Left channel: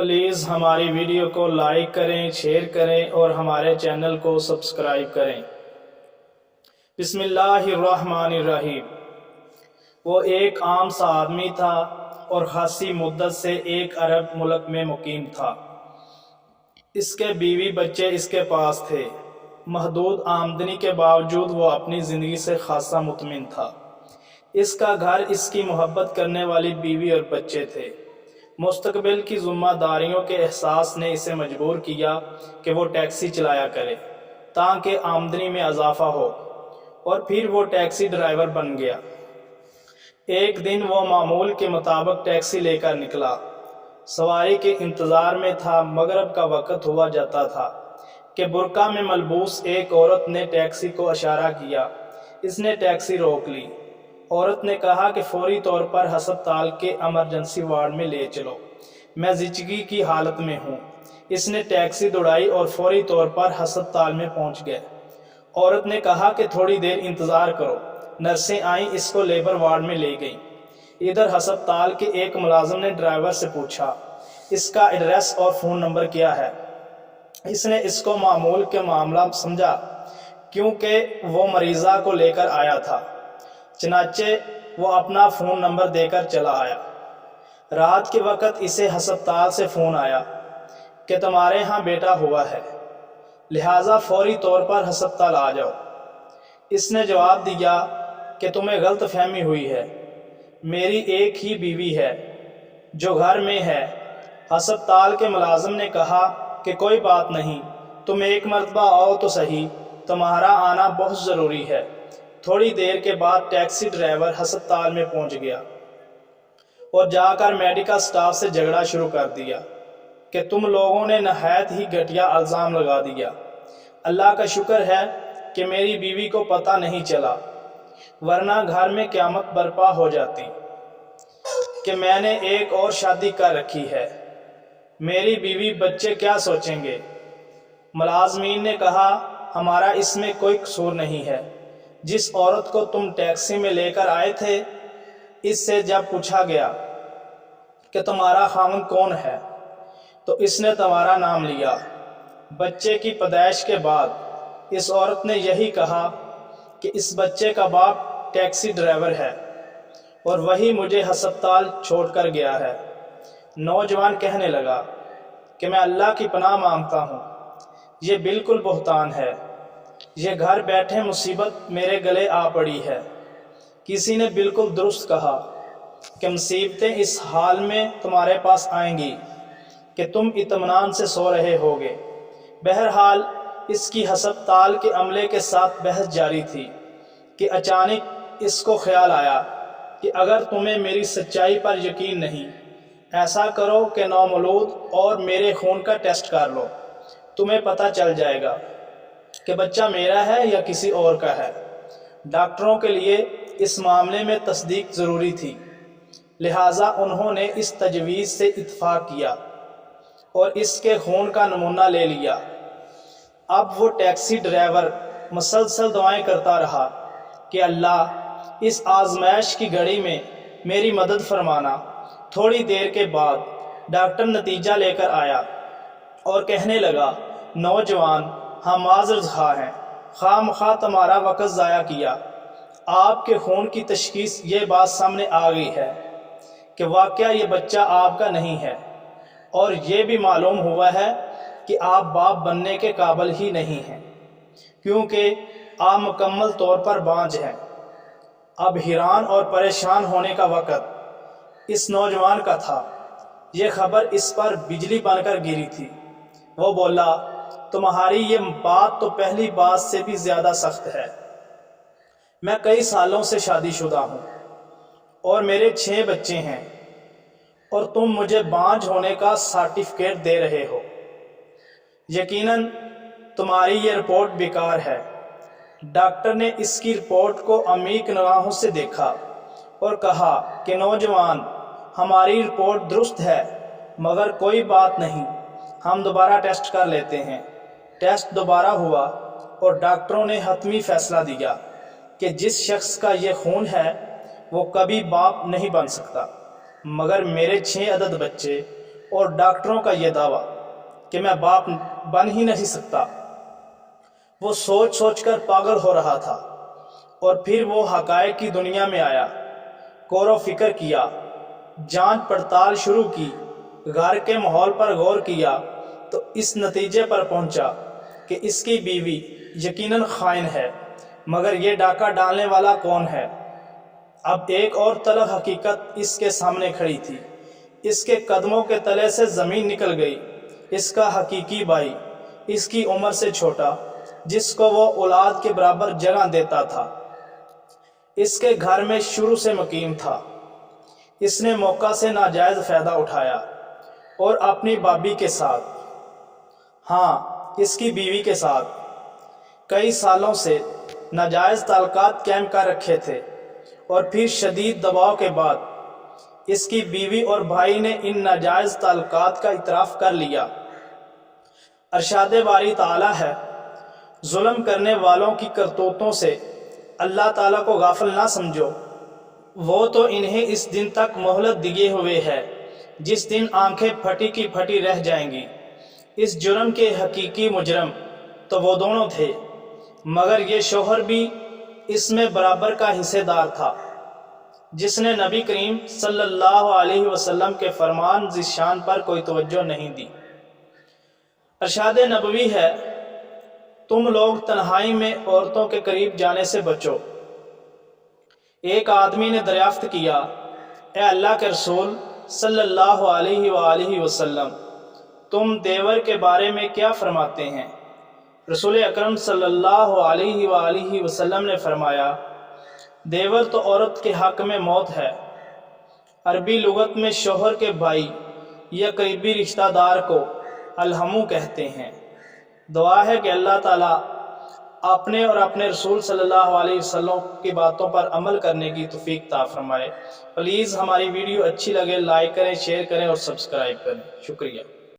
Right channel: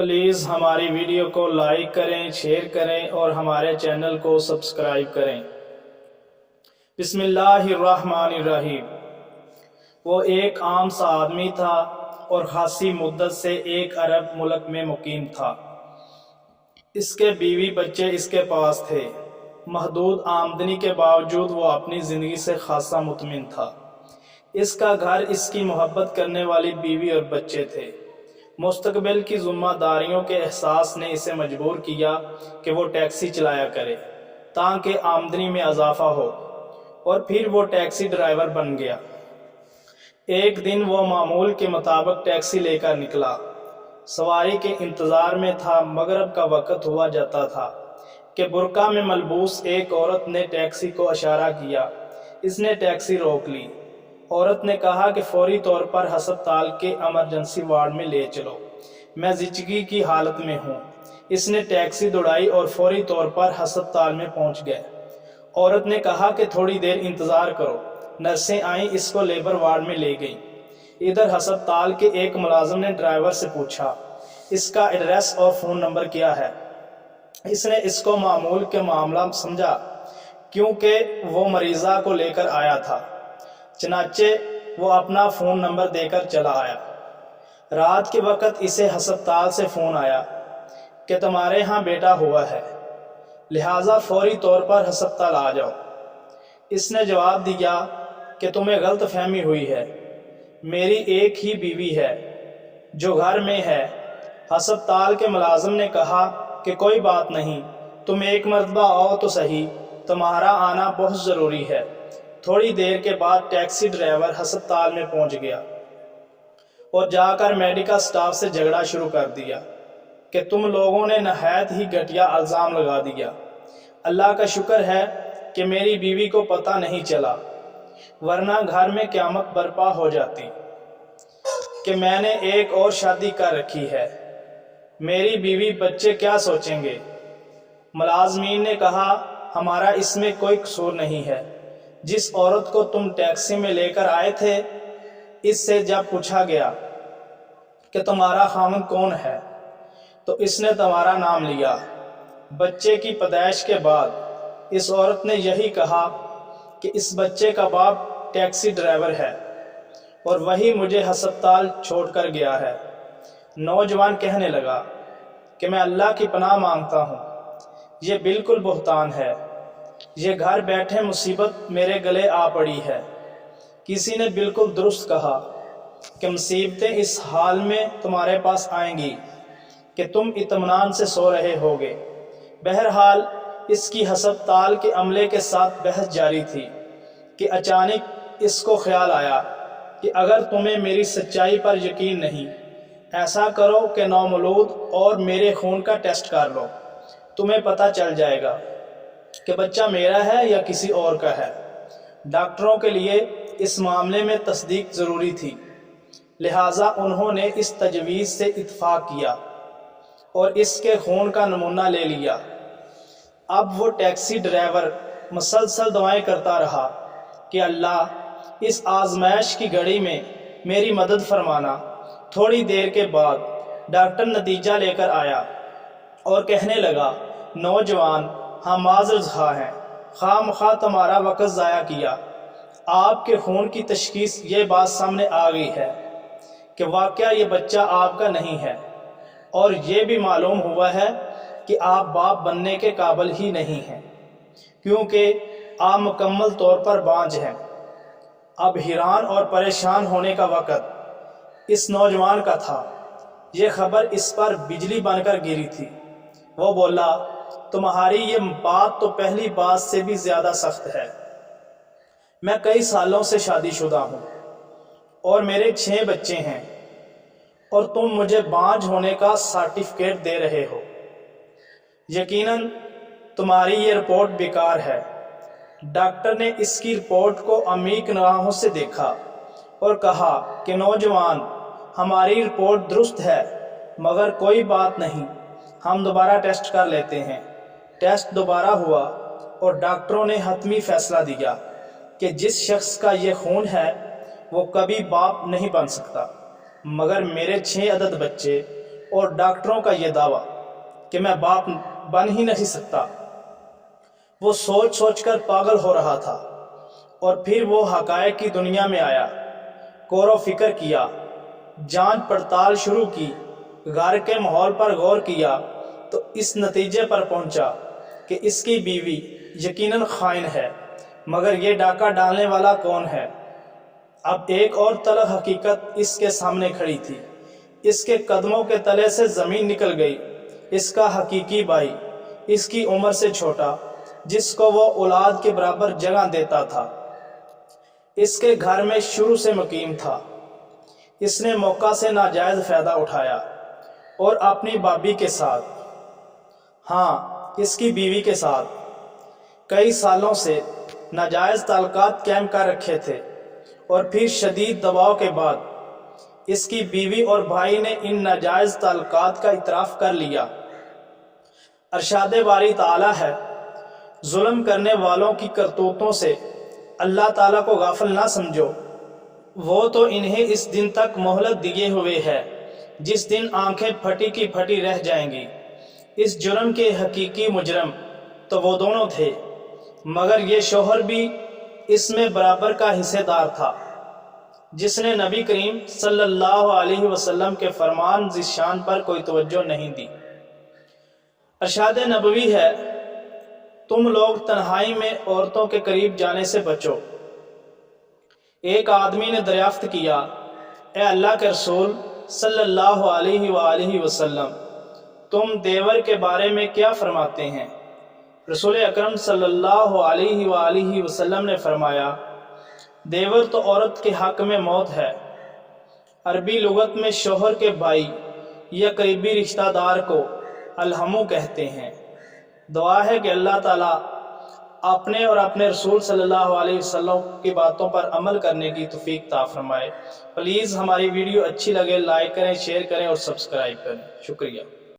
Please ہماری video کو like کریں، شیئر کریں اور ہمارے چینل کو سبسکرائب کریں۔ بسم اللہ الرحمن الرحیم۔ وہ ایک عام سا آدمی تھا اور خاصی مدت سے ایک عرب ملک میں مقیم تھا۔ اس کے بیوی بچے اس کے پاس تھے۔ محدود آمدنی کے باوجود وہ اپنی زندگی سے خاصا مطمئن تھا۔ اس کا گھر، اس کی محبت کرنے والی بیوی اور بچے تھے۔ مستقبل کی ذمہ داریوں کے احساس نے اسے مجبور کیا کہ وہ ٹیکسی چلایا کرے تاکہ آمدنی میں اضافہ ہو، اور پھر وہ ٹیکسی ڈرائیور بن گیا۔ ایک دن وہ معمول کے مطابق ٹیکسی لے کر نکلا۔ سواری کے انتظار میں تھا۔ مغرب کا وقت ہوا جاتا تھا کہ برقع میں ملبوس ایک عورت نے ٹیکسی کو اشارہ کیا۔ اس نے ٹیکسی روک لی۔ عورت نے کہا کہ فوری طور پر ہسپتال کے ایمرجنسی وارڈ میں لے چلو، میں زچگی کی حالت میں ہوں۔ اس نے ٹیکسی دوڑائی اور فوری طور پر ہسپتال میں پہنچ گئے۔ عورت نے کہا کہ تھوڑی دیر انتظار کرو۔ نرسیں آئیں، اس کو لیبر وارڈ میں لے گئیں۔ ادھر ہسپتال کے ایک ملازم نے ڈرائیور سے پوچھا، اس کا ایڈریس اور فون نمبر کیا ہے؟ اس نے اس کو معمول کے معاملہ سمجھا کیونکہ وہ مریضہ کو لے کر آیا تھا، چنانچہ وہ اپنا فون نمبر دے کر چلا آیا۔ رات کے وقت اسے ہسپتال سے فون آیا کہ تمہارے ہاں بیٹا ہوا ہے، لہٰذا فوری طور پر ہسپتال آ جاؤ۔ اس نے جواب دیا کہ تمہیں غلط فہمی ہوئی ہے، میری ایک ہی بیوی ہے جو گھر میں ہے۔ ہسپتال کے ملازم نے کہا کہ کوئی بات نہیں، تم ایک مرتبہ آؤ تو صحیح، تمہارا آنا بہت ضروری ہے۔ تھوڑی دیر کے بعد ٹیکسی ڈرائیور ہسپتال میں پہنچ گیا اور جا کر میڈیکل سٹاف سے جھگڑا شروع کر دیا کہ تم لوگوں نے نہایت ہی گھٹیا الزام لگا دیا۔ اللہ کا شکر ہے کہ میری بیوی کو پتہ نہیں چلا، ورنہ گھر میں قیامت برپا ہو جاتی کہ میں نے ایک اور شادی کر رکھی ہے، میری بیوی بچے کیا سوچیں گے؟ ملازمین نے کہا، ہمارا اس میں کوئی قصور نہیں ہے۔ جس عورت کو تم ٹیکسی میں لے کر آئے تھے، اس سے جب پوچھا گیا کہ تمہارا خاوند کون ہے تو اس نے تمہارا نام لیا۔ بچے کی پیدائش کے بعد اس عورت نے یہی کہا کہ اس بچے کا باپ ٹیکسی ڈرائیور ہے اور وہی مجھے ہسپتال چھوڑ کر گیا ہے۔ نوجوان کہنے لگا کہ میں اللہ کی پناہ مانگتا ہوں، یہ بالکل بہتان ہے، یہ گھر بیٹھے مصیبت میرے گلے آ پڑی ہے۔ کسی نے بالکل درست کہا کہ مصیبتیں اس حال میں تمہارے پاس آئیں گی کہ تم اطمینان سے سو رہے ہوگے۔ بہرحال اس کی ہسپتال کے عملے کے ساتھ بحث جاری تھی کہ اچانک اس کو خیال آیا کہ اگر تمہیں میری سچائی پر یقین نہیں، ایسا کرو کہ نومولود اور میرے خون کا ٹیسٹ کر لو، تمہیں پتہ چل جائے گا کہ بچہ میرا ہے یا کسی اور کا ہے۔ ڈاکٹروں کے لیے اس معاملے میں تصدیق ضروری تھی، لہٰذا انہوں نے اس تجویز سے اتفاق کیا اور اس کے خون کا نمونہ لے لیا۔ اب وہ ٹیکسی ڈرائیور مسلسل دعائیں کرتا رہا کہ اللہ اس آزمائش کی گھڑی میں میری مدد فرمانا۔ تھوڑی دیر کے بعد ڈاکٹر نتیجہ لے کر آیا اور کہنے لگا، نوجوان، ہم معذرت خواہ ہیں، خواہ مخواہ تمہارا وقت ضائع کیا۔ آپ کے خون کی تشخیص یہ بات سامنے آ گئی ہے کہ واقعہ یہ بچہ آپ کا نہیں ہے، اور یہ بھی معلوم ہوا ہے کہ آپ باپ بننے کے قابل ہی نہیں ہیں، کیونکہ آپ مکمل طور پر بانجھ ہیں۔ اب حیران اور پریشان ہونے کا وقت اس نوجوان کا تھا۔ یہ خبر اس پر بجلی بن کر گری تھی۔ وہ بولا، تمہاری یہ بات تو پہلی بات سے بھی زیادہ سخت ہے۔ میں کئی سالوں سے شادی شدہ ہوں اور میرے 6 بچے ہیں، اور تم مجھے بانجھ ہونے کا سرٹیفکیٹ دے رہے ہو۔ یقیناً تمہاری یہ رپورٹ بیکار ہے۔ ڈاکٹر نے اس کی رپورٹ کو عمیق نگاہوں سے دیکھا اور کہا کہ نوجوان، ہماری رپورٹ درست ہے، مگر کوئی بات نہیں، ہم دوبارہ ٹیسٹ کر لیتے ہیں۔ ٹیسٹ دوبارہ ہوا اور ڈاکٹروں نے حتمی فیصلہ دیا کہ جس شخص کا یہ خون ہے وہ کبھی باپ نہیں بن سکتا، مگر میرے 6 عدد بچے اور ڈاکٹروں کا یہ دعویٰ کہ میں باپ بن ہی نہیں سکتا۔ وہ سوچ سوچ کر پاگل ہو رہا تھا، اور پھر وہ حقائق کی دنیا میں آیا، غور و فکر کیا، جانچ پڑتال شروع کی، گھر کے ماحول پر غور کیا تو اس نتیجے پر پہنچا کہ اس کی بیوی یقیناً خائن ہے، مگر یہ ڈاکہ ڈالنے والا کون ہے؟ اب ایک اور تلخ حقیقت اس کے سامنے کھڑی تھی۔ اس کے قدموں کے تلے سے زمین نکل گئی۔ اس کا حقیقی بھائی، اس کی عمر سے چھوٹا، جس کو وہ اولاد کے برابر جگہ دیتا تھا، اس کے گھر میں شروع سے مقیم تھا۔ اس نے موقع سے ناجائز فائدہ اٹھایا اور اپنی بھابھی کے ساتھ، ہاں اس کی بیوی کے ساتھ، کئی سالوں سے ناجائز تعلقات قائم کر رکھے تھے، اور پھر شدید دباؤ کے بعد اس کی بیوی اور بھائی نے ان ناجائز تعلقات کا اعتراف کر لیا۔ ارشاد باری تعالیٰ ہے، ظلم کرنے والوں کی کرتوتوں سے اللہ تعالیٰ کو غافل نہ سمجھو، وہ تو انہیں اس دن تک مہلت دیے ہوئے ہے جس دن آنکھیں پھٹی کی پھٹی رہ جائیں گی۔ اس جرم کے حقیقی مجرم تو وہ دونوں تھے، مگر یہ شوہر بھی اس میں برابر کا حصے دار تھا، جس نے نبی کریم صلی اللہ علیہ وسلم کے فرمان ذیشان پر کوئی توجہ نہیں دی۔ ارشاد نبوی ہے، تم لوگ تنہائی میں عورتوں کے قریب جانے سے بچو۔ ایک آدمی نے دریافت کیا، اے اللہ کے رسول صلی اللہ علیہ وآلہ وسلم، تم دیور کے بارے میں کیا فرماتے ہیں؟ رسول اکرم صلی اللہ علیہ وآلہ وسلم نے فرمایا، دیور تو عورت کے حق میں موت ہے۔ عربی لغت میں شوہر کے بھائی یا قریبی رشتہ دار کو الحمو کہتے ہیں۔ دعا ہے کہ اللہ تعالیٰ اپنے اور اپنے رسول صلی اللہ علیہ وسلم کی باتوں پر عمل کرنے کی توفیق عطا فرمائے۔ پلیز ہماری ویڈیو اچھی لگے لائک کریں، شیئر کریں اور سبسکرائب کریں۔ شکریہ۔